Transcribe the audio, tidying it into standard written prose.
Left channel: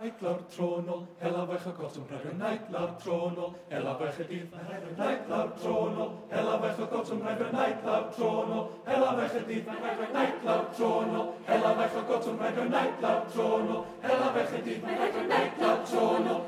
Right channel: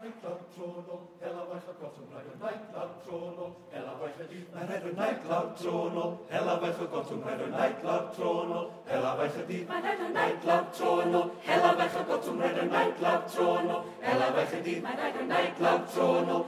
Nightclub tronol, hela bach a gotum rhaid nightclub tronol, hela bach a dydd mae rhaid nightclub tronol, hela bach a gotum rhaid nightclub tronol, hela bach a dydd mae rhaid nightclub tronol, hela bach a gotum rhaid nightclub tronol, hela bach a dydd mae rhaid nightclub tronol.